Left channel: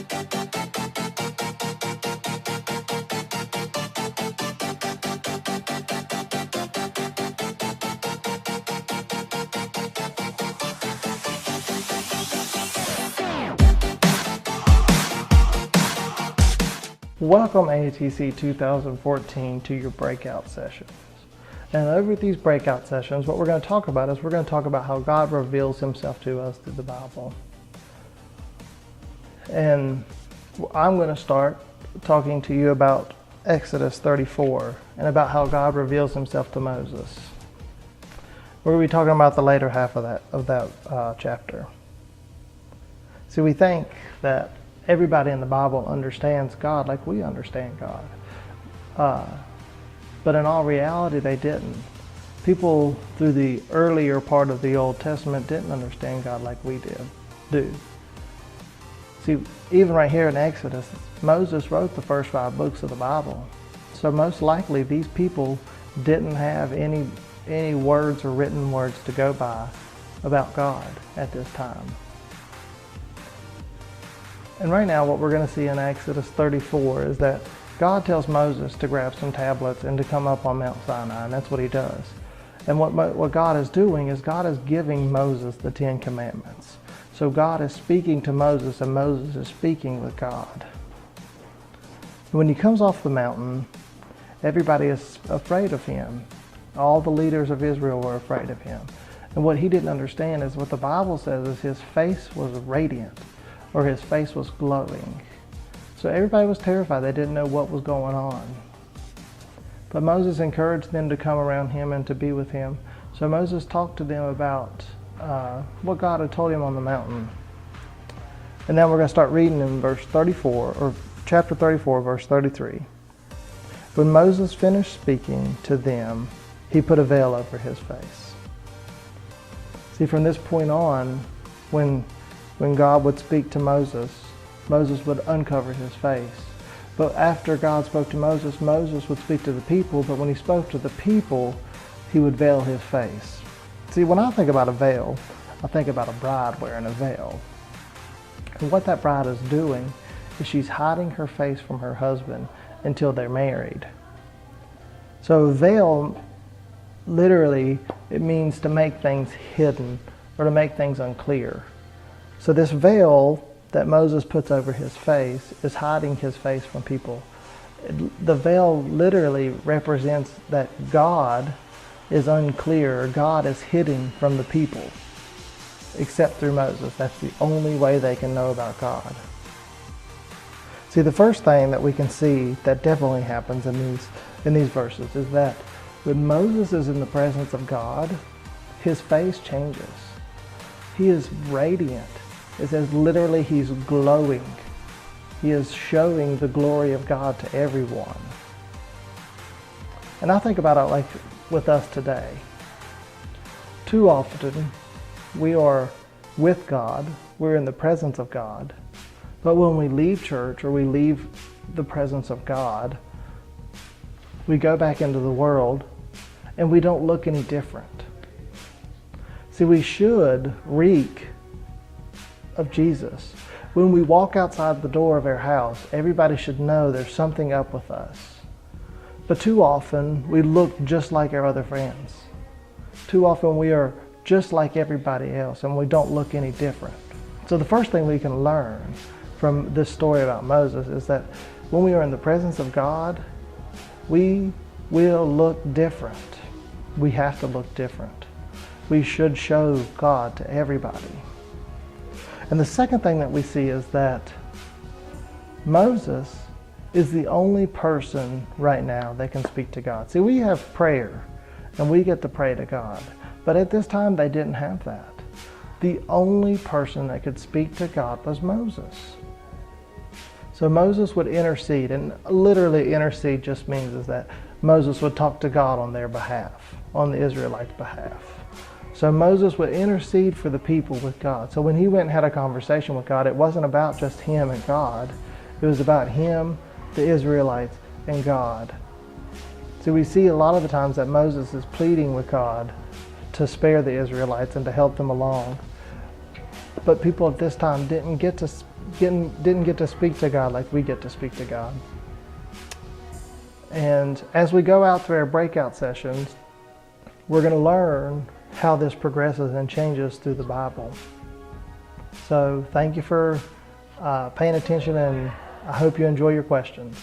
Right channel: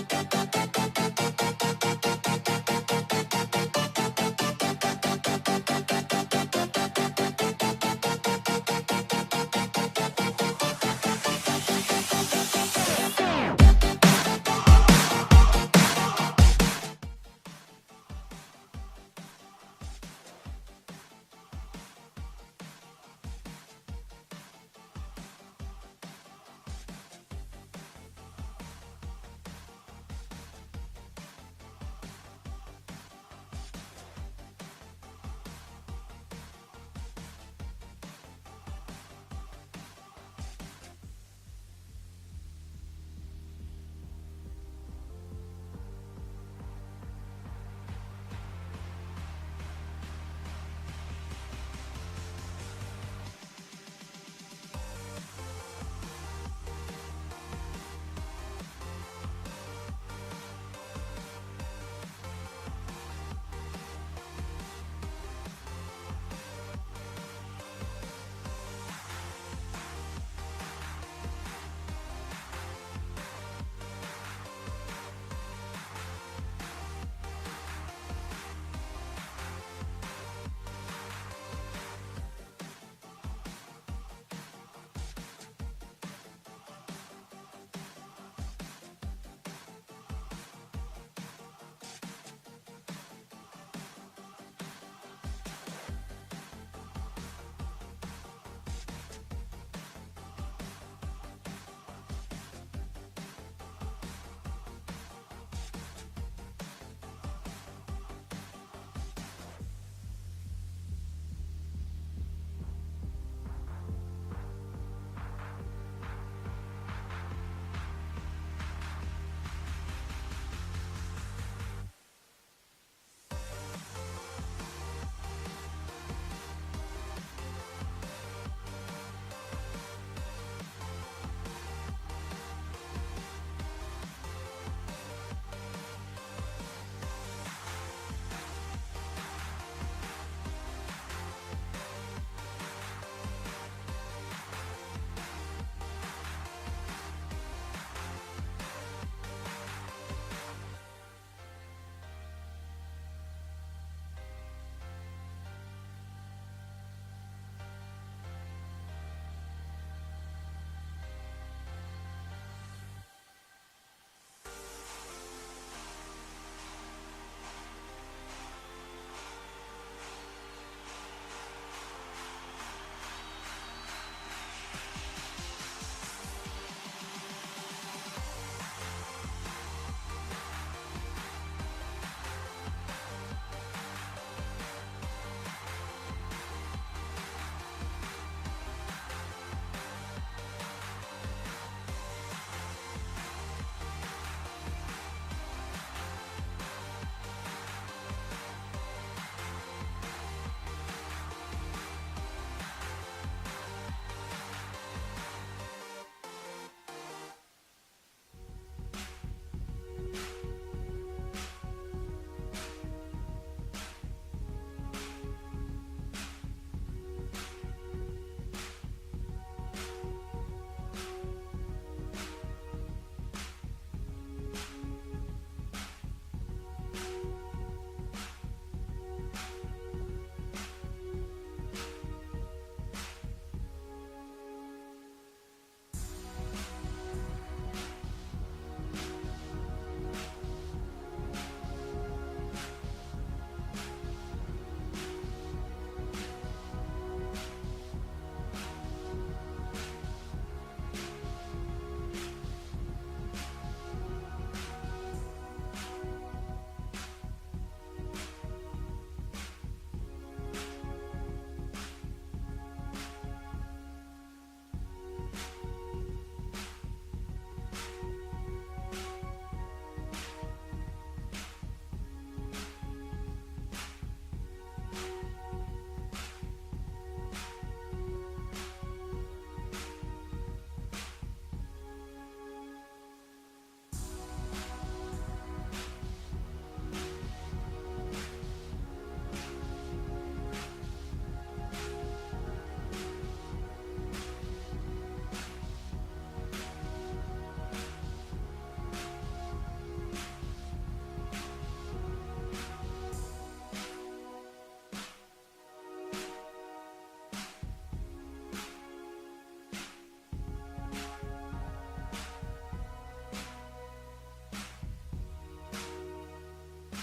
Welcome ATC 2014 to your breakout sessions. And over these breakout sessions, what we're going to talk about is we're going to talk about how God reveals himself to us through the Bible. And I'm going to start talking to you about Exodus 34 and about how God reveals himself to Moses. We're going to be talking about the later half of that chapter. See, we think that everybody in the Bible understands God like we understand God. But in all reality, they didn't. People through the earlier part of the Old Testament didn't understand God like we do. See, even right here in Exodus, Moses wrote the first 5 books of the Bible. So most likely these people didn't have any words or written words to go by about God at this time. And right now what we're going to see in Exodus 34 is that God tells Moses to grab some tablets and to come up on Mount Sinai, and that's what he does. And what God is doing is God is giving Moses the 10 Commandments. So God is speaking to Moses, and Moses is speaking with God. When he comes off the mountain, everybody is afraid of him. All the leaders of Israel were afraid of him. And what he didn't understand is what the Bible says is his face was radiant, or his face was glowing. So everybody was terrified. They didn't know what was going on. But Moses encouraged them to come around him and to be with him. So Moses talked to them about what God had told him on the mountain. And now we're going to start reading in verse 34, or chapter 34, verse 33. When Moses finished speaking to them, he put a veil over his face. See, from this point on, when God would speak to Moses, Moses would uncover his face. But after God spoke to Moses, Moses would speak to the people, but when he spoke to the people, he would veil his face. See, when I think about a veil, I think about a bride wearing a veil. And what that bride is doing is she's hiding her face from her husband until they're married. So a veil, literally, it means to make things hidden or to make things unclear. So this veil that Moses puts over his face is hiding his face from people. The veil literally represents that God is unclear, God is hidden from the people, except through Moses. That's the only way they can know about God. See, the first thing that we can see that definitely happens in these verses is that when Moses is in the presence of God, his face changes. He is radiant. It says literally he's glowing. He is showing the glory of God to everyone. And I think about it like with us today. Too often we are with God, we're in the presence of God, but when we leave church or we leave the presence of God, we go back into the world and we don't look any different. See, we should reek of Jesus. When we walk outside the door of our house, everybody should know there's something up with us. But too often, we look just like our other friends. Too often, we are just like everybody else, and we don't look any different. So the first thing we can learn from this story about Moses is that when we are in the presence of God, we will look different. We have to look different. We should show God to everybody. And the second thing that we see is that Moses is the only person right now that can speak to God. See, we have prayer, and we get to pray to God. But at this time, they didn't have that. The only person that could speak to God was Moses. So Moses would intercede, and literally intercede just means is that Moses would talk to God on their behalf, on the Israelites' behalf. So Moses would intercede for the people with God. So when he went and had a conversation with God, it wasn't about just him and God. It was about him, the Israelites, and God. So we see a lot of the times that Moses is pleading with God to spare the Israelites and to help them along. But people at this time didn't get to didn't get to speak to God like we get to speak to God. And as we go out to our breakout sessions, we're going to learn how this progresses and changes through the Bible. So thank you for paying attention, and I hope you enjoy your questions.